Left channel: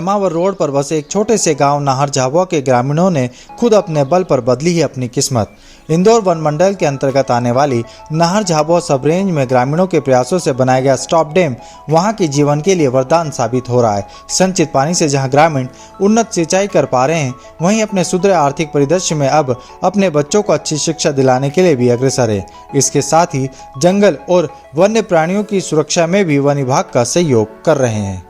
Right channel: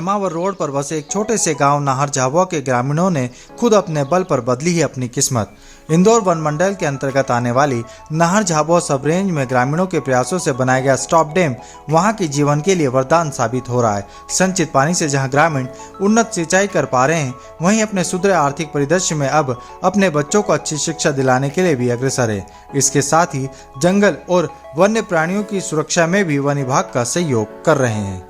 Nemawar road पर बसे एक छोटे से गांव नाहर झाबुआ के ग्रामीणों ने खुद अपने बल पर बदली है अपनी किस्मत। इंदौर वन मंडल के अंतर्गत आने वाली नाहर झाबुआ सब रेंज में ग्रामीणों के प्रयासों से बनाया गया स्टॉप डैम वहां के जीवन के लिए वरदान साबित हो रहा है। संचित पानी से जहां ग्रामीण उन्नत सिंचाई कर पा रहे हैं, वहीं अपने सुधरे आर्थिक परिदृश्य में अब अपने बच्चों को अच्छी शिक्षा दिलाने के लिए भी अग्रसर है। इसके साथ ही जंगल और वन्य प्राणियों की सुरक्षा में भी वन विभाग का सहयोग कर रहे हैं।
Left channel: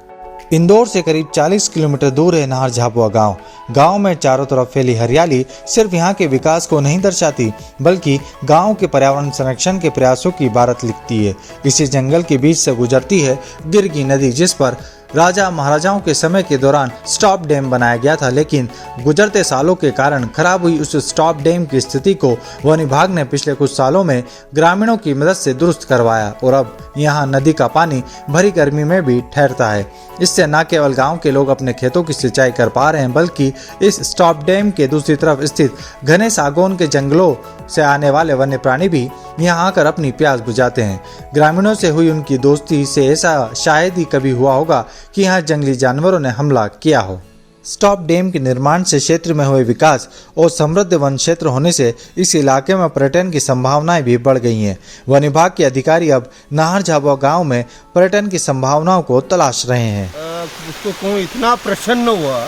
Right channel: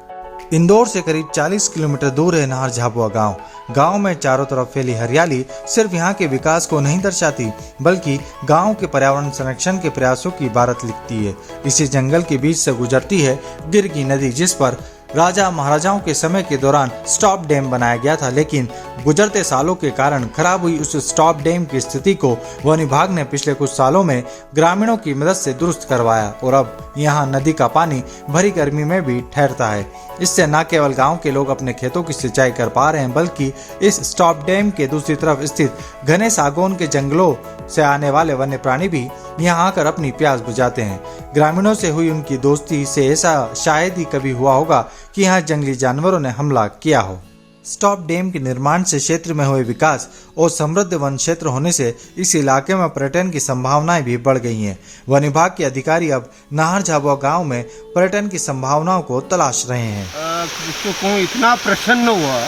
इंदौर से करीब 40 किलोमीटर दूर है नाहर झाबुआ गांव। गांव में चारों तरफ फैली हरियाली सिर्फ यहां के विकास को नहीं दर्शाती, बल्कि गांव के पर्यावरण संरक्षण के प्रयासों की इबारत लिखती है। इसी जंगल के बीच से गुजरती है दिरगी नदी, जिस पर राजा महाराजाओं के समय के दौरान स्टॉप डैम बनाया गया था, लेकिन गुजरते सालों के कारण खराब हुई उस स्टॉप डैम की स्थिति को वन विभाग ने पिछले कुछ सालों में ग्रामीणों की मदद से दुरुस्त करवाया और अब यहाँ नदी का पानी भरी गर्मी में भी ठहरता है। इससे न केवल गांव के लोग अपने खेतों की सिंचाई कर पा रहे हैं, बल्कि इस स्टॉप डैम के दूसरी तरफ स्थित घने सागौन के जंगलों से आने वाले वन्य प्राणी भी यहाँ आकर अपनी प्यास बुझाते हैं। ग्रामीणों से हुई उनकी दोस्ती से ऐसा शायद ही कभी हुआ होगा कि यहाँ जंगली जानवरों ने हमला किया हो। स्टॉप डैम के निर्माण से क्षेत्र में हुए विकास और समृद्ध वन क्षेत्र होने से इस इलाके में पर्यटन की संभावनाएं भी बढ़ गई हैं। वन विभाग के अधिकारी अब नाहर झाबुआ गांव में पर्यटन की संभावनाओं को तलाश रहे हैं। उसको कहूँ इतना प्रसन्न हुआ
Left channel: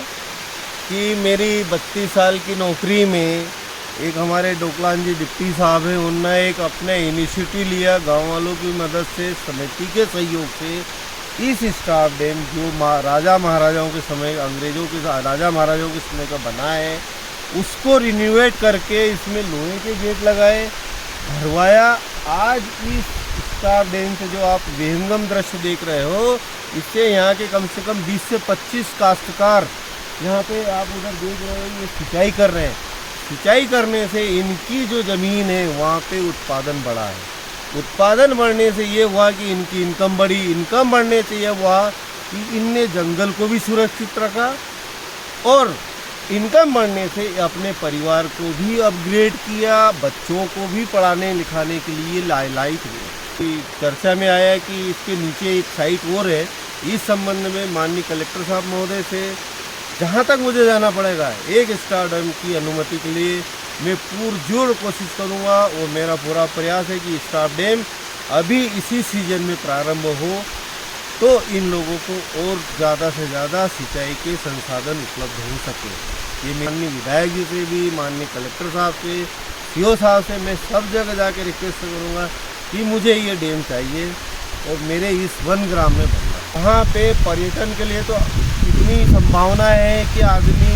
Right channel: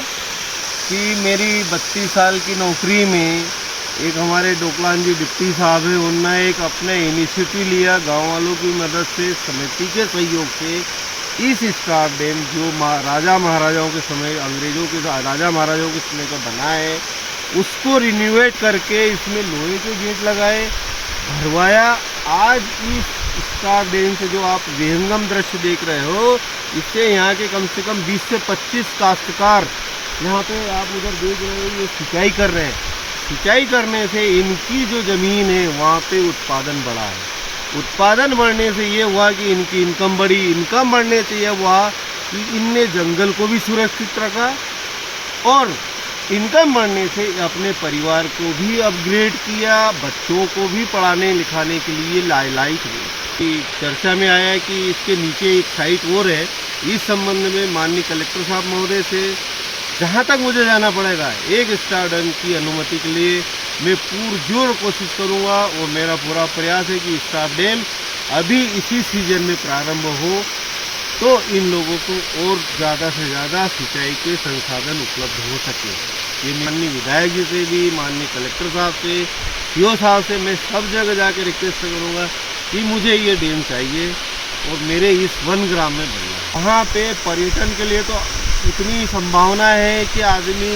कि मेरी 32 साल की नौकरी में एक हमारे डोकलान जी डिप्टी साहब हैं, उनने एक अपने इनिशिएटिव लिया गांव वालों की मदद से, समिति के सहयोग से इस स्टॉप डैम जो राजा महाराजाओं के समय, अंग्रेजों के राजा महाराजाओं के समय का बना है, उसको रिन्यूएट करके इसमें लोहे के गेट लगाए, भरवाया। आज इस स्टॉप डैम से जो आप विहंगम दृश्य देख रहे हो, इससे यहाँ के कम से कम 20 से 25 काश्तकार यहाँ पे आप उधर देख रहे हो, ये सिंचाई कर रहे हैं। सिंचाई करने से इनकी जो ज़मीन है वहाँ पे उत्पादन बढ़ा है। उत्पादन बढ़ने से ये हुआ कि इनकी इनकम बढ़ी। इनकम बढ़ने से ये हुआ कि इनने जंगल को भी सुरक्षित रखा और इनकम बढ़ने से अपने परिवार को भी अपग्रेड किया, बच्चों को भी पढ़ाने लिखाने के लिए लायक हुई। चर्चा में आया कि इसके नीचे एक साइट और है। इस संबंध में माननीय कलेक्टर साहब महोदय से जहाँ तक मुझे जाना पड़ेगा, एक स्टॉप डैम की अनुमति के लिए मैं पुरजोर कोशिश करूँगा और मेरा पूरा प्रयास है कि स्टॉप डैम अभी इसी सीजन में प्रारंभ हो तो इन लोगों को और ज़्यादा से ज़्यादा सिंचाई के संसाधन उपलब्ध हो सके। ये माननीय विधायक जी से भी, माननीय कलेक्टर साहब से, सीओ साहब से मैं सब जगह जाकर रिक्वेस्ट करूँगा कि मुझे ये डैम चाहिए और मेरे इस वन ग्राम में बनना। यहाँ पे पर्यटन के लिए तो इतनी संभावना है कि आदमी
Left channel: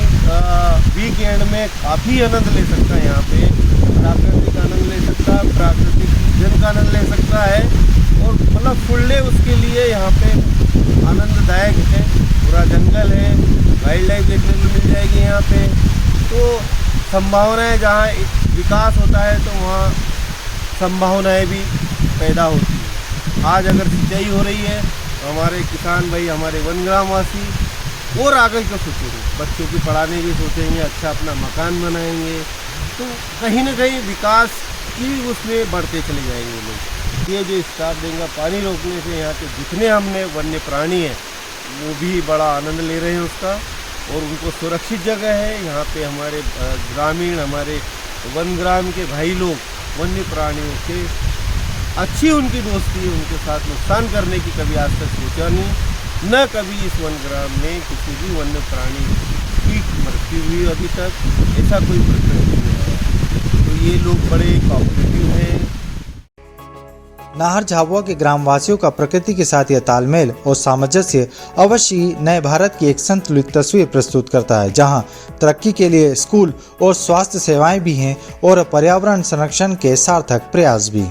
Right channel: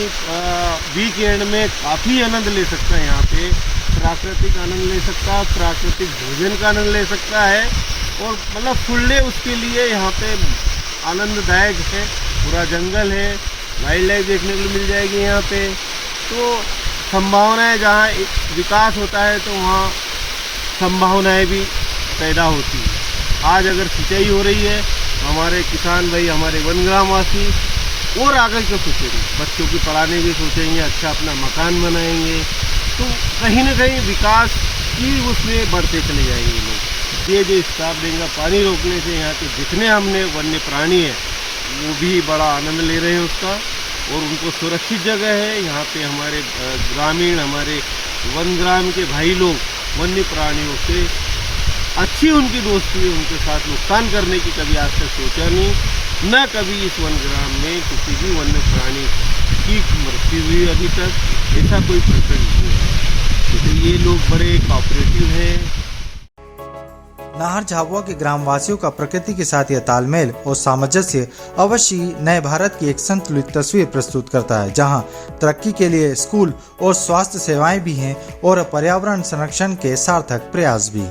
वीकेंड में काफ़ी आनंद ले सकता है। यहाँ पे प्राकृतिक आनंद ले सकता है, प्राकृतिक भोजन का आनंद ले सकता है और मतलब फुल डे उसके लिए यहाँ पे आनंददायक है। पूरा जंगल है, वाइल्ड लाइफ देखने को मिल जाएगी यहाँ पे। तो संभावना है, जहाँ विकास होता है तो वहाँ संभावनाएँ भी पैदा होती है। आज अगर सिंचाई हो रही है, हमारे किसान भाई, हमारे वनग्रामवासी और आगे को सोचेंगे, बच्चों की पढ़ाने की सोचेंगे, अच्छा अपना मकान बनाएंगे, तो कहीं ना कहीं विकास की उसमें बढ़ते चले जाएंगे लोग। ये जो स्टॉप डैम का पानी रोकने से यहाँ के जितने हमने वन्य प्राणी हैं वो भी बड़ा आनंद ले रहे हैं उसका और उनको सुरक्षित जगह है। यहाँ पे हमारे ग्रामीण, हमारे वनग्राम के भाई लोग वन्य प्राणियों से अच्छी उनकी दोस्ती है, उनके साथ नुकसान करने की कभी आज तक सोचा नहीं, न कभी इस वनग्राम में किसी भी वन्य प्राणी की मृत्यु हुई अभी तक, ऐसा कोई प्रसंग नहीं है। तो ये लोग बड़े कोऑपरेटिव हैं। नाहर झाबुआ के ग्रामवासियों का प्रकृति के साथ यह तालमेल और सामंजस्य अवश्य ही नए भारत की एक संतुलित तस्वीर प्रस्तुत करता है, जहां तरक्की के लिए स्कूल और स्वास्थ्य सेवाएं भी हैं और पर्यावरण संरक्षण के सार्थक प्रयास भी।